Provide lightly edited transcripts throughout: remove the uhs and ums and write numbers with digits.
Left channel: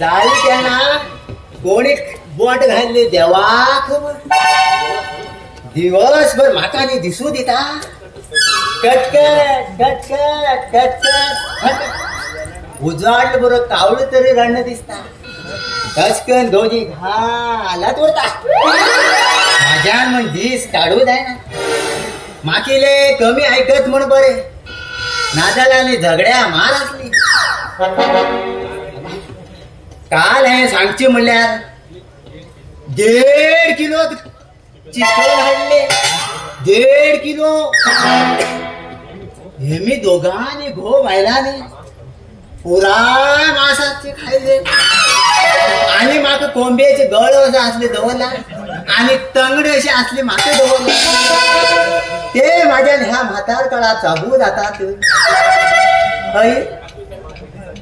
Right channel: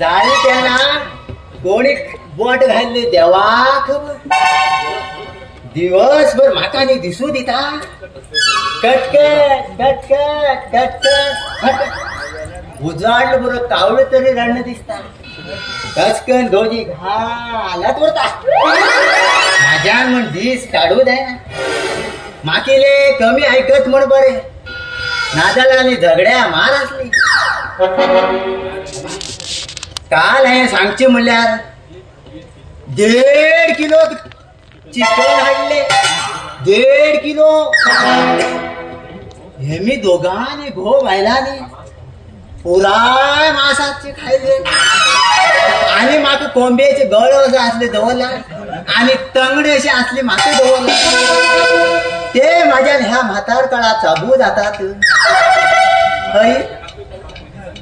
जाळी त्यांना कोणी बोट घालले देवा खबर दिवसभर म्हाका नी दिसू दिता कटकट कटकट कटकट उजाडलं बरं कावळ तरी रण दिसता कचकन दोजी घालात उरता माझ्यान म्हण दीस काढू जाय ना माकेले कमी ऐकत म्हण बरे नादालाने झगड्या मार असली काल हे सांगचे म्हणल्यार 1.5 किलो चिकन हाडले 1.5 किलो हे मी दोघांनी घो व्हायलाने पुराय मासाचे खायले आणि म्हाका कोंबेचे गळ असे असले दवरला आणि तंगडे असे असले म्हाका दवरले ते माझ्या ह्या म्हातार काळात चाबू जातात हय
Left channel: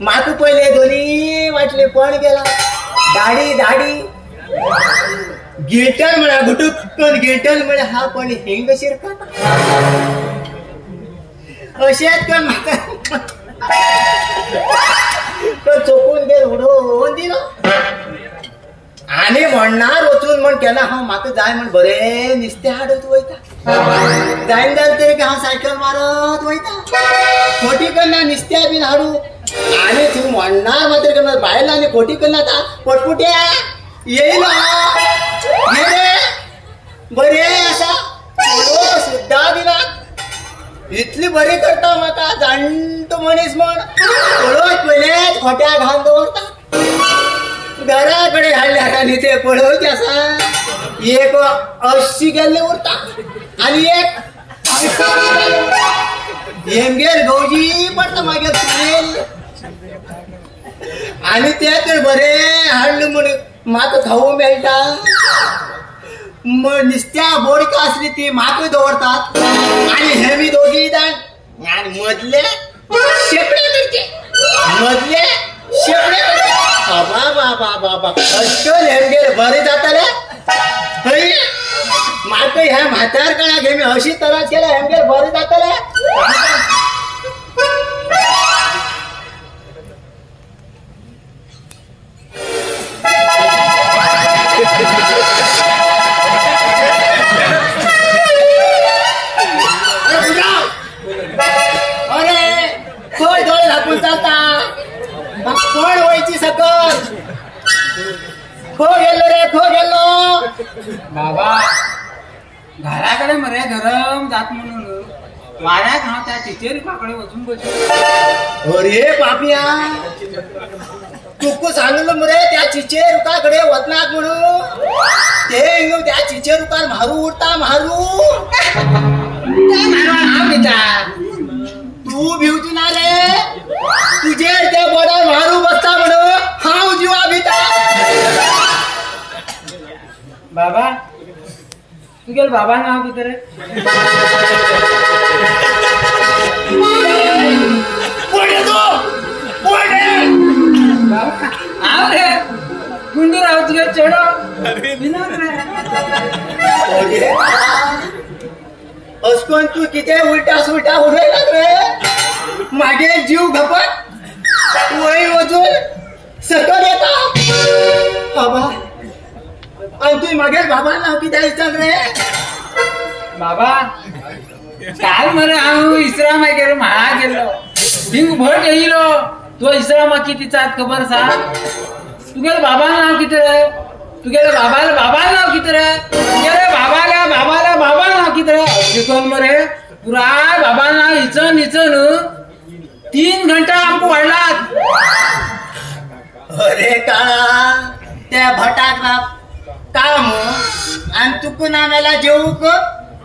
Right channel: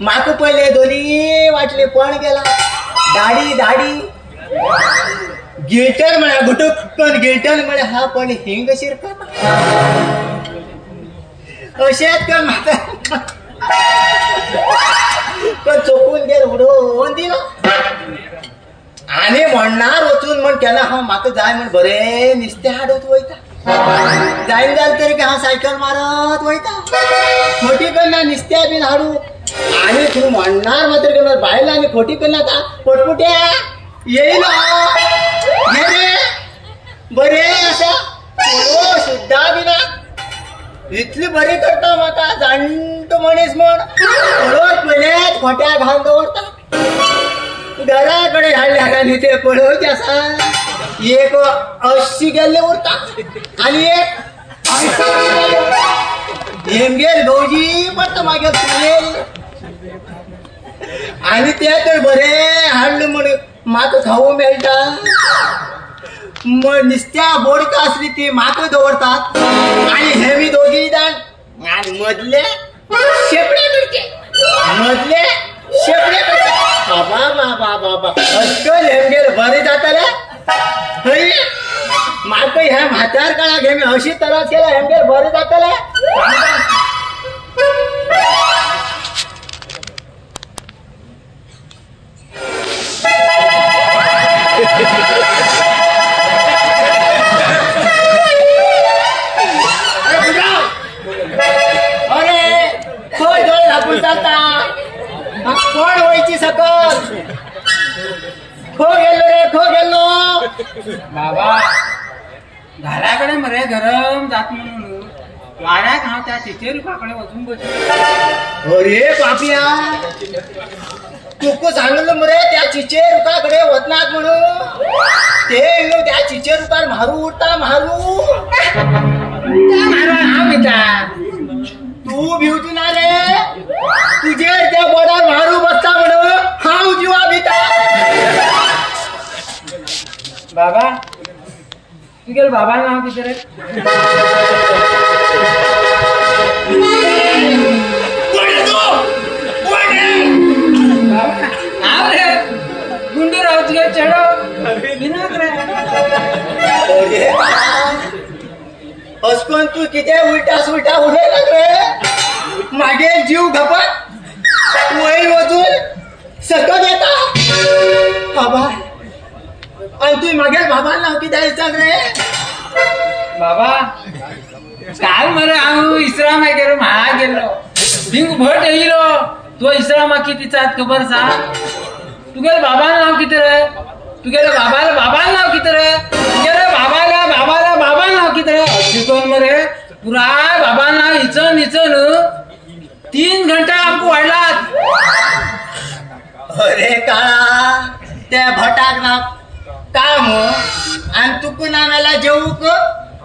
म्हाका पहिले दोन्ही वाटले पण गेला दाढी दाढी गिल्टर म्हणा गुटुकन गिल्टर म्हणा हा पण हिंग शिरकत अशेच कर म्हातार पण चोकून गेल उडवून दिलं आणि म्हणणार वचून म्हण केला हा म्हाका जाय म्हण बरे नुस्तें हाडत वयता जायन जाल तरी हांव सायकल मारत वयता खोटी करना नुस्त्या बीन हाडू आणि तू म्हणणार मात्र करणार बायला आणि खोटी करना पटपुट्या येईल बरे असा सुद्धा बिना इतली बरी करता म्हाका जाणटो मनीस म्हण पळोवच पयलेच खोट्या घालून दवरता घरा कडेन हाडले हाका न्ही ते पळोवचे आसा एक 80 गेल्ले उरता आणि एक हेंगेर गवजी पडटा मागीर चुलेल आणि ते तर बरे हाडले म्हण म्हाका खावू मेळटा नुस्त्या बोडका असली ती म्हाका दवरतात आणि हे मी दोघी जाण आणि मदले शेपडे करचे मदले शेपडे करचे बाबा बाबा बाबा अशें हेंगेर बरें जाताले हय म्हाका ह्या म्हातार काळाक हे अशी त्रास केला हेंगेर बरें जाताले अरे खंय दोन झापून चालता कोण वयची सकत खो गेलो रे खो गेलो बाबा घराकडे मरे गरम जात म्हणून वाड्यात हांव त्या चिचेरुकाकडे वचून बसलो अरे पापिया तुका सांगलो मरे त्या चिचेरुकाकडे वचनाक म्हणून ते त्या चिचेरुकार मारू उरता मारू हांव घेता तू भिवती ना रे तुझेर त्या बोर्डार मारू बसता म्हणून हांव जिवा भिता बाबा तुगेल बाबा नाव कितें रे हांव रे गुंडू राव तुगे चेडो विनोद रे असकोन तू किती उलटा सुलटा उडयला रे मागे जीव घपत वय वचून सकत येता बाबा आणि तू मागे बाबा नाव किती विचार रे बाबा काल मरे हांव इस्रामा गेलो म्हाळा गेलो थिंग भट येयलो तो इस्रामा किती चात खबर आसा तुगेले बाबा नाव कितें रे तुगेले बाबा नाव कितें रे तुगेले बाबा नाव कितें रे शिकोन मरे पुराय बाबा नाव हिचन 3 घंटा आमकां वाडलात अरे काळा त्या भटाक ना काम आणि तुका ना मेला जेवूक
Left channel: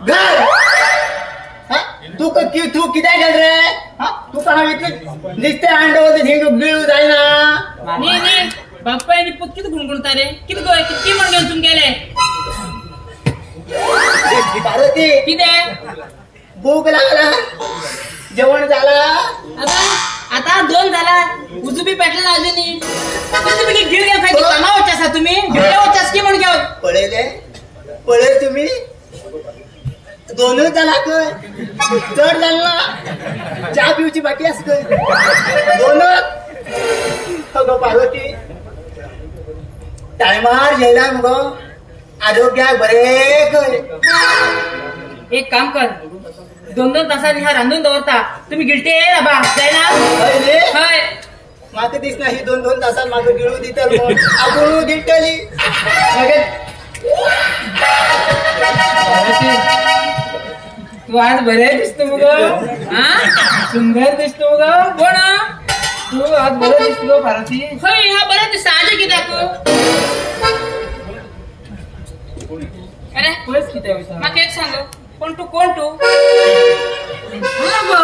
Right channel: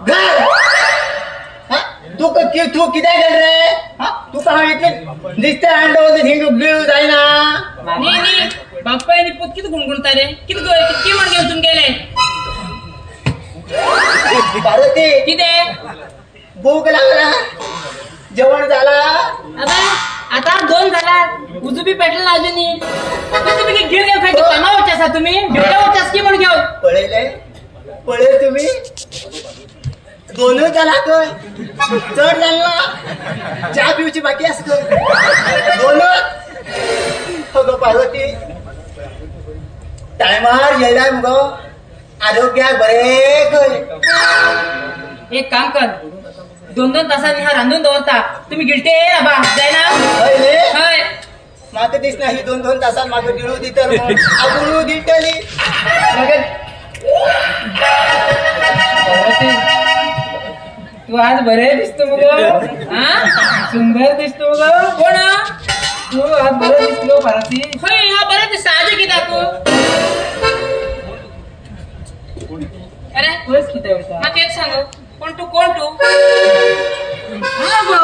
घर तू कितें केल रे तुका हांव इतलें नुस्तें हाडटा हिंग बिळू जायना नी नी बाप्पा आनी पुत कितें गुणगुणता रे कितें गो कितकी म्हण घेवन तुमगेले पार्वती कितें भूक लागला जेवण झाला आता 2 जाल्यात उजूबी पेटला अजून तुम्ही घेऊन घेऊन खायचे कामा वचासा तुम्ही घेऊन वचास की म्हण घेऊन पळय तुम्ही 2 जाला खंय चड जालना च्या पिवची बाकी आस खंय 2 अगो पार्वती टायमार जेवल्यार मुगो आरोग्याक बरे खंय. एक काम कर 2-2 तासांनी हा रांधून दवरता तुम्ही गिलटे बाबा जायना. हय न्ही? हय म्हाका दिसना ही 2-2 तासां म्हाका गिळू दितली आगोळू दितली. तू आज बरे दिसतो मग सुंदर दिसतो मग. कोण तू आज बरं दिसलो भारती. खय हा बरं दिसता आज कित्याक अरे तुलाच किती होता मग तेच सांग कोण तू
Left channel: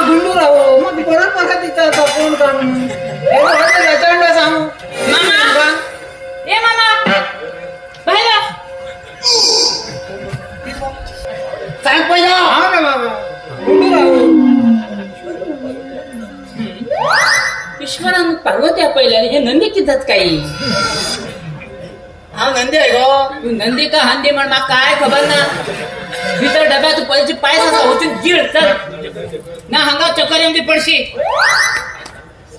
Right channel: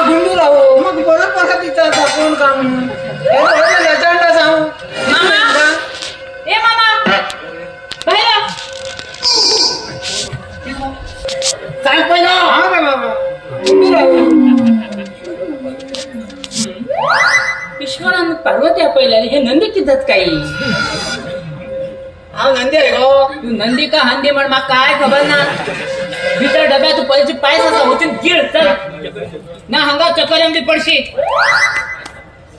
गुंडू राहू मग परत कसा तिचा पूर्ण कर म्हणून याच्या सांग. मामा ए मामा बाहेर सांग पहिला. हा काय बाबा गुंडू राहू. विश्वानंद पार्वती पहिल्या हे नंदी किती काही हांव नंदी आहे गो. तू नंदी का हंदी म्हण मला काय खबर ना. भितर डब्यात तू पैसे पायस असा होती गिळ चल ना हंगा चक्कर येऊन पडशी.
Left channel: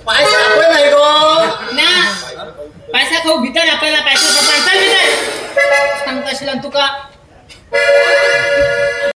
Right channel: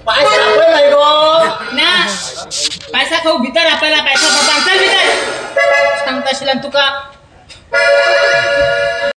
पाय सापड आहे गो. ना पैसा खाऊ भितर आपल्याला पैसा चल भितर सांगता तुका